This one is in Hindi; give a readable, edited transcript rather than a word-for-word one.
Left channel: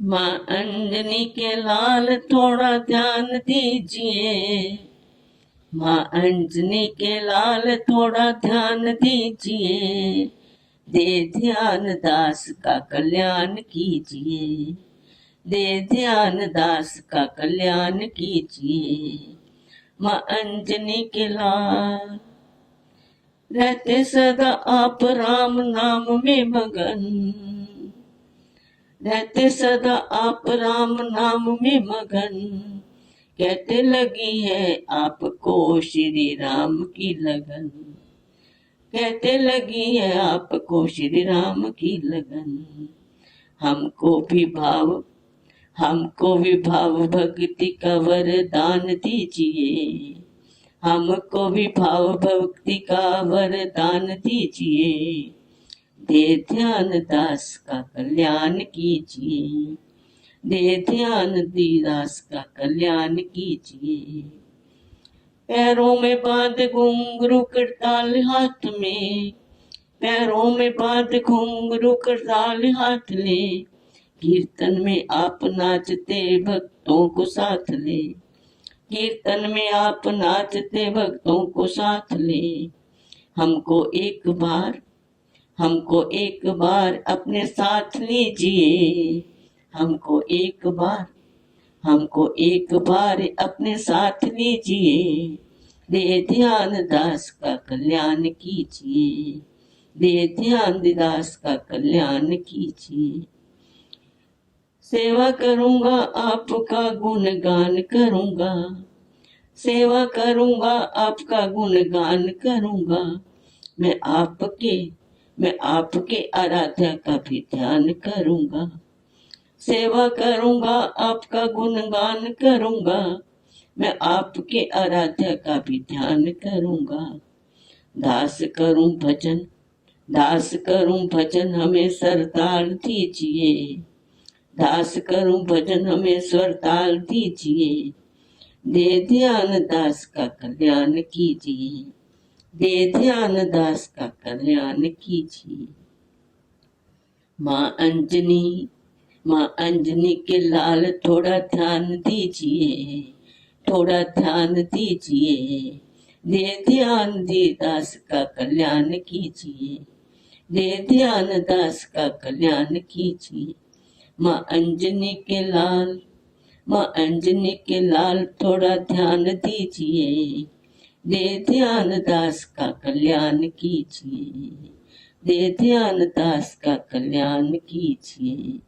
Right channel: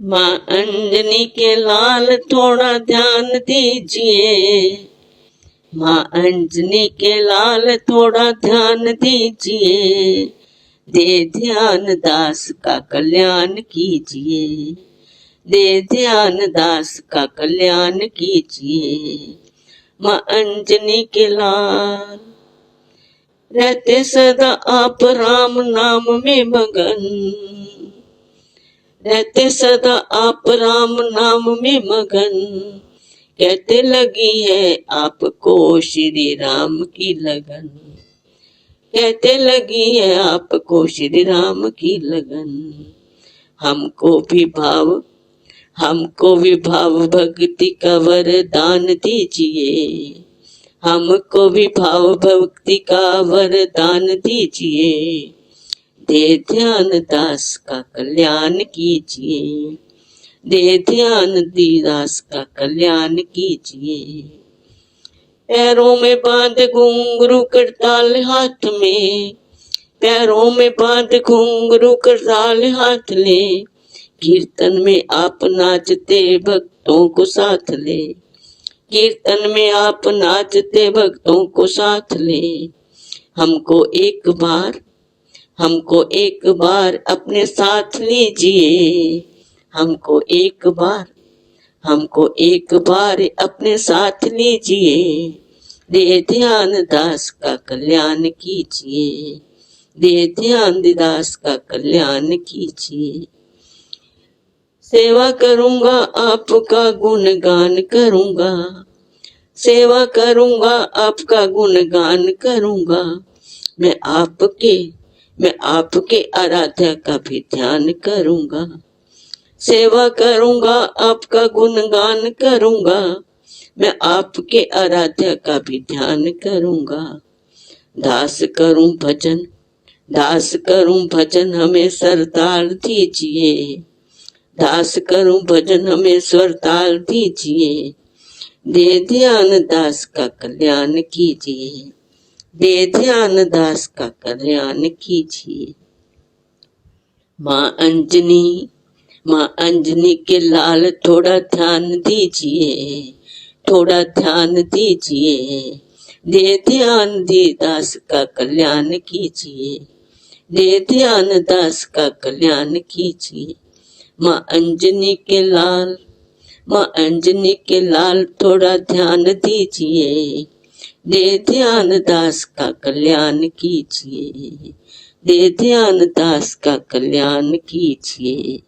माँ अंजनी के लाल थोड़ा ध्यान दीजिए, माँ अंजनी के लाल थोड़ा ध्यान दीजिए, दे ध्यान दास का कल्याण कीजिए, दे ध्यान दास का कल्याण कीजिए। माँ अंजनी के लाल रहते सदा आप राम नाम में मगन, रहते सदा आप राम नाम में मगन, कहते लगी है आपको श्री राम की लगन, कहते लगी है आपको श्री राम की लगन। हमको भी भाव भक्ति का वरदान दीजिए, हमको भी भाव भक्ति का वरदान दीजिए, दे ध्यान दास का कल्याण कीजिए, दे ध्यान दास का कल्याण कीजिए। पैरों में बांध घुंघरू करताल हाथ में, पैरों में बांध घुंघरू करताल हाथ ले, कीर्तन में आप नाचते भक्तों को साथ ले, कीर्तन में आप नाचते भक्तों को साथ ले। हमको एक बार अपने साथ लीजिए, हमको एक बार अपने साथ लीजिए, दे ध्यान दास का कल्याण कीजिए, दे ध्यान दास का कल्याण कीजिए। सेवा करूंगा आपका गुणगान करूंगा, सेवा करूंगा आपका गुणगान करूंगा, मैं आपके आराध्या का भी ध्यान करूंगा, सेवा करूंगा आपका गुणगान करूंगा, मैं आपके आराध्या का भी ध्यान करूंगा। दास करूं भजन हमें सरताल दीजिए, दास करूं भजन हमें सरताल दीजिए, दे ध्यान दास का कल्याण कीजिए, दे ध्यान दास का कल्याण कीजिए। माँ अंजनी के लाल थोड़ा ध्यान दीजिए, थोड़ा ध्यान दीजिए, दे ध्यान दास का कल्याण कीजिए, दे ध्यान दास का कल्याण कीजिए। माँ अंजनी के लाल थोड़ा ध्यान दीजिए, दे ध्यान दास का कल्याण कीजिए, दे ध्यान दास का कल्याण कीजिए।